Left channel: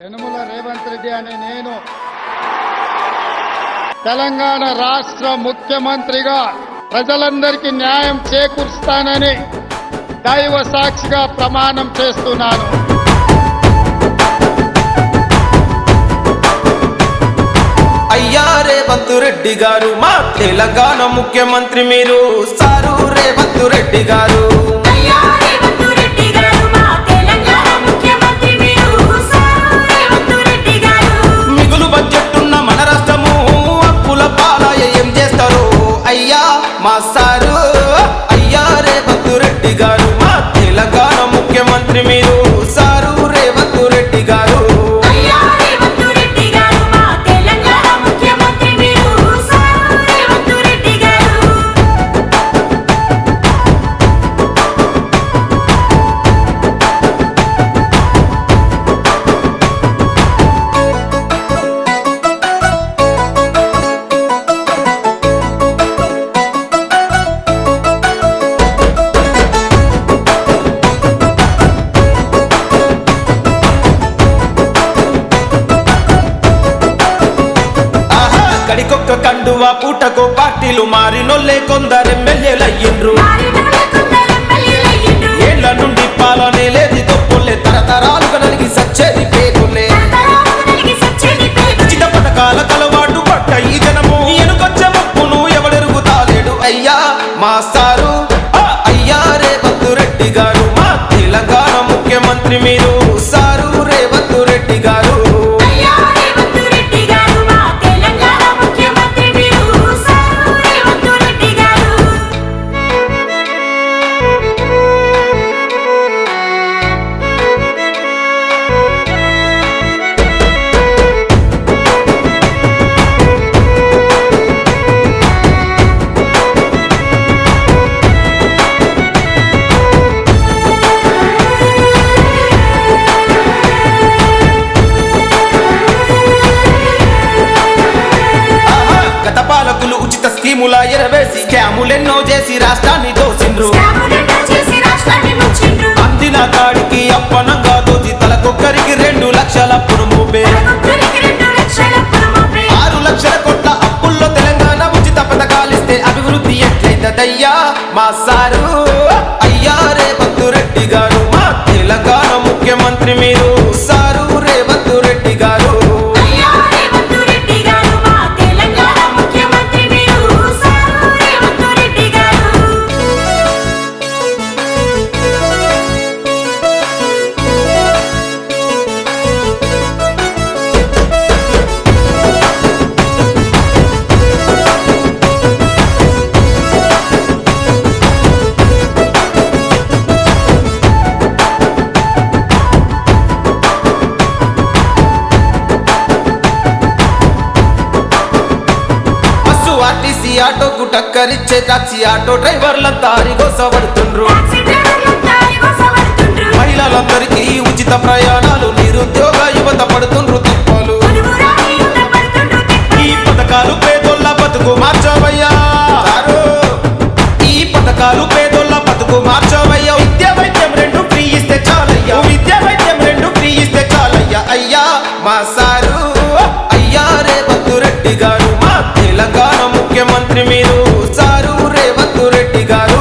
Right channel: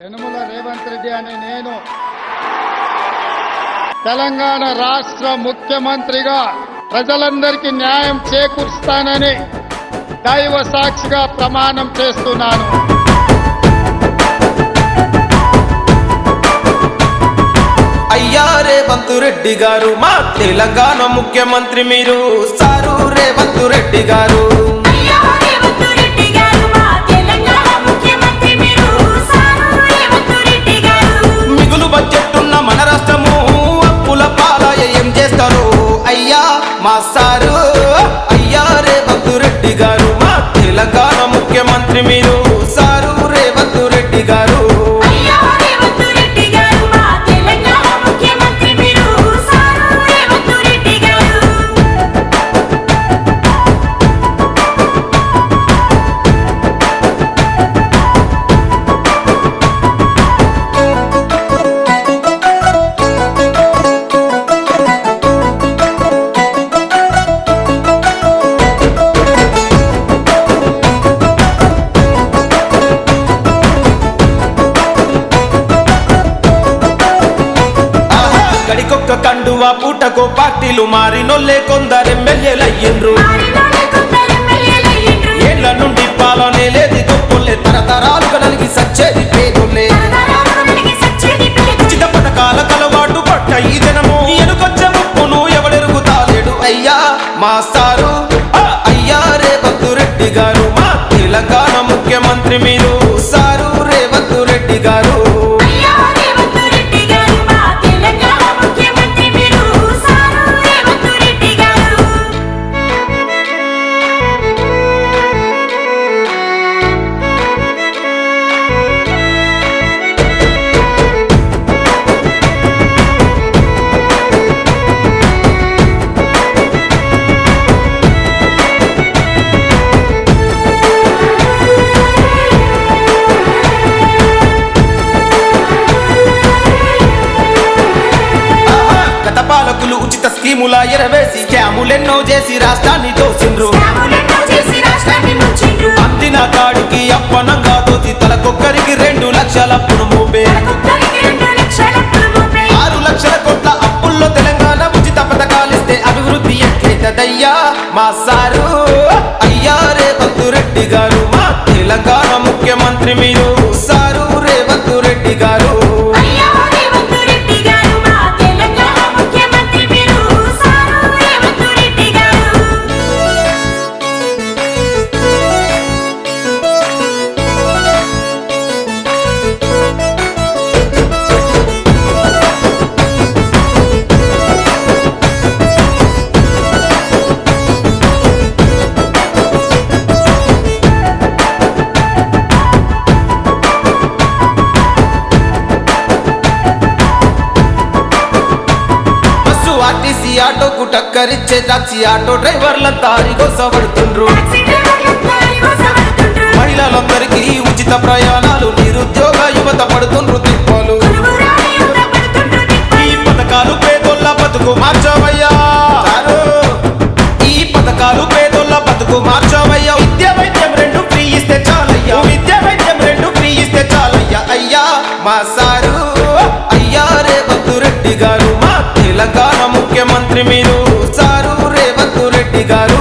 యనుమల రేవంత్ రెడ్డి అనే నేను తెలంగాణ రాష్ట్ర ముఖ్యమంత్రిగా ప్రజలందరికీ న్యాయం చేకూరుస్తానని దైవ సాక్షిగా ప్రమాణం చేస్తున్నాను. అయ్యా రేవంత్ రెడ్డి గారు మా తెలంగాణ ముఖ్యమంత్రి మీరు సారు రేవంత్ రెడ్డి గారు. చేస్తారు అయ్యా మా సారు అయ్యా రేవంత్ రెడ్డి గారు మా తెలంగాణ ముఖ్యమంత్రి మీరు సారు రేవంత్ రెడ్డి గారు. గడికొక్క కండువా పూటకో పార్టీలు మారినొల్లే కొందరు ఎమ్మెల్యేలయ్యిండ్రు. మారినోళ్ళే ఏళ్ళ నుండి పాలనే లేది గొప్పలే తరతరాలుగా నలిగి సచ్చేది పేదోళ్ళే. ఉచిత పథకాల కలవాటు పట్ట ఈ జనము. ఎనుకొచ్చే ముప్పును ఎవడెరుగుతాలేడు అయ్యా మా సారు. అయ్యా రేవంత్ రెడ్డి గారు మా తెలంగాణ ముఖ్యమంత్రి మీరు. సారు రేవంత్ రెడ్డి గారు. పాలకులు ఉచిత స్కీముల ఎరవేసి స్కాములెన్నో చేసి రాష్ట్రాన్ని దోసిండ్రు. అందిన కాడికి అప్పనంగా దోచి తలకొక్కరికి రెండు లక్షల అప్పును మోపే. ఆరు లక్షల కోట్ల అప్పుల్లో తెలంగాణ ఉచిత పథకాలిస్తే అభివృద్ధి ఎట్లయితదయ్యా? మా సారు అయ్యారే రేవంత్ రెడ్డి గారు మా తెలంగాణ ముఖ్యమంత్రి మీరు. ఆర్టీసీ ఆటోకు టక్కరిచ్చే టాక్సీ ఆటో డ్రైవర్లంతా అరిగోసపడుతుండ్రు మహిళలందరికీ ఉచిత ప్రయాణాలు నిరుద్యోగ యువత పడుతుండ్రు తిప్పలు. ఈ పథకాలు పేదోళ్ళ బతుకు మార్చవయ్యా. ఈ పథకాలు పేదోళ్ళ బతుకు మార్చవయ్యా. విద్య వైద్యం రెండు ఫ్రీ ఇస్తే చాలయ్యా. విద్య వైద్యం రెండు ఫ్రీ ఇస్తే చాలయ్యా. అయ్యా మా సారు. అయ్యా రేవంత్ రెడ్డి గారు తెలంగాణ ముఖ్యమంత్రి మీరు సారు రేవంత్ రెడ్డి గారు.